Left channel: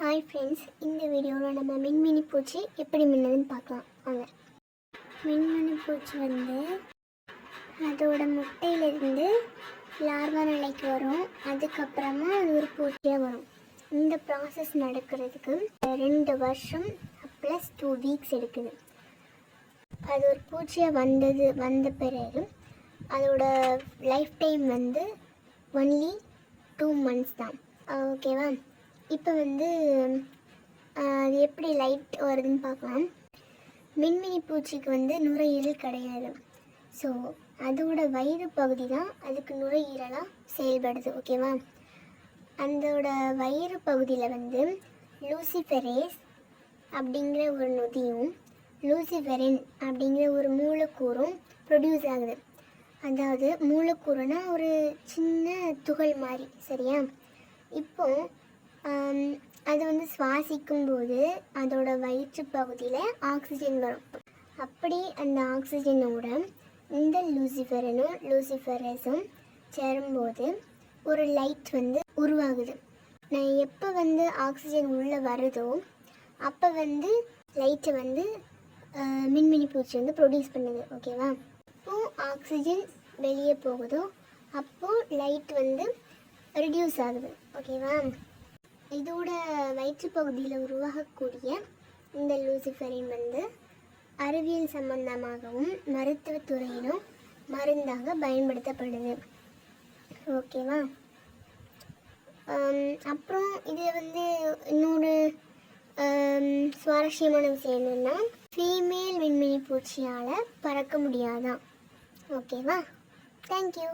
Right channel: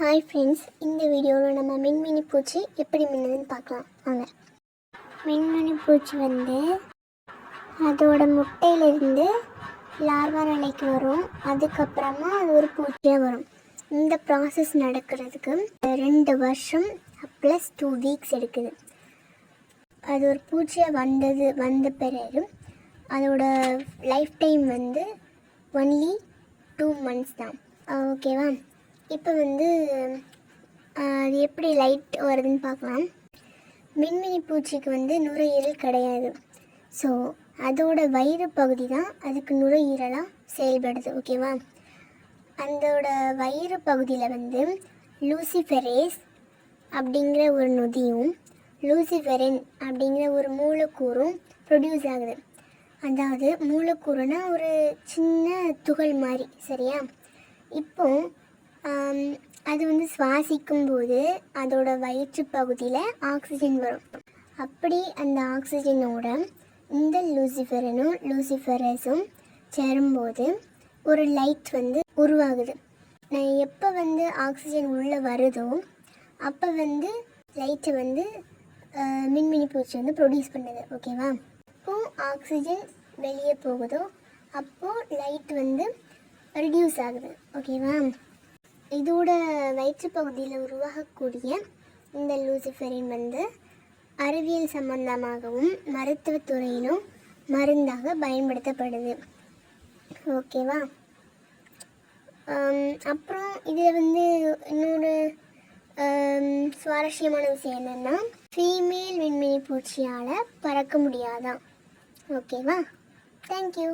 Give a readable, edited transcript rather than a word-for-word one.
Hi friends, இந்த வீடியோவில் நம்ம மின்மினி பூச்சி எப்படி மின்னுதுன்னு பார்க்கலாம் வாங்க. மின்மினி பூச்சி அதோட முட்டையிலேருந்து லார்வா நிலைக்கு வரும். அதுக்கப்புறமா அது ஒரு பூச்சியாக வரும். இந்த ப்ராசஸ் நடக்கிறதுக்கு 2 வருஷம் ப்ளஸ் 2 வீக்ஸ் எடுக்குது. அது ஒரு பூச்சியாக வந்த பிறகு அதோட லைஃப் டைம் ஒன்லி 2 months தான். ஓகேவா? இப்போ அது எப்படி லைட் வருதுன்னு பார்க்கலாம். மின்மினி பூச்சிக்கு நுரையீரல் கிடையாது. ஸோ அதோட வயிறு பகுதி தான் அதுக்கு நுரையீரலாக செயல்படுது. ஓகேவா? அதோட வயிறு பகுதியில் லூசிஃபெரேஸ் அப்படிங்கிற ஒரு நொதியும் லூசிஃபெரின் அப்படிங்கிற ஒரு மூலக்கூறும் ப்ரொடியூஸ் ஆகுது. அதாவது மூலக்கூறுனா ஒரு சின்ன துகள் மாதிரி, சரியா? இப்போது அது சுவாசிக்கும் போது அதோட வயிற்று பகுதியில் ஆக்சிஜன் வரும். அப்படி அந்த ஆக்சிஜனோட இந்த லூசிஃபெரனும் லூசிஃபெரஸும் சேரும்போது ஒரு லைட் உருவாகுது. நான் எப்போ ஆக்சிஜன் உள்ளே வருதோ அப்போ லைட்டை மின்மினி பூச்சி ப்ரொடியூஸ் பண்ணுது. ஓகேவா? அப்போது ஆக்சிஜன் வெளியே போகுதோ அப்போது லைட் ரெடியூஸ் ஆகுது. ஓகேவா? இதோட வயிற்று பகுதியில் உருவாகக்கூடிய இந்த லூசிஃபெரின் அறிவியல் சம்பந்தமாகவும் மருத்துவத்துறையிலும் மருந்தாக பயன்படுத்தப்படுது. ஓகேவா? அப்புறம் இதில் இன்னொரு சுவாரஸ்யமான விஷயம் என்னென்னா, ஃபீமேல் விண்மினி பூச்சியால் பறக்க முடியாதான். ஓகேவா? தேங்க்யூ.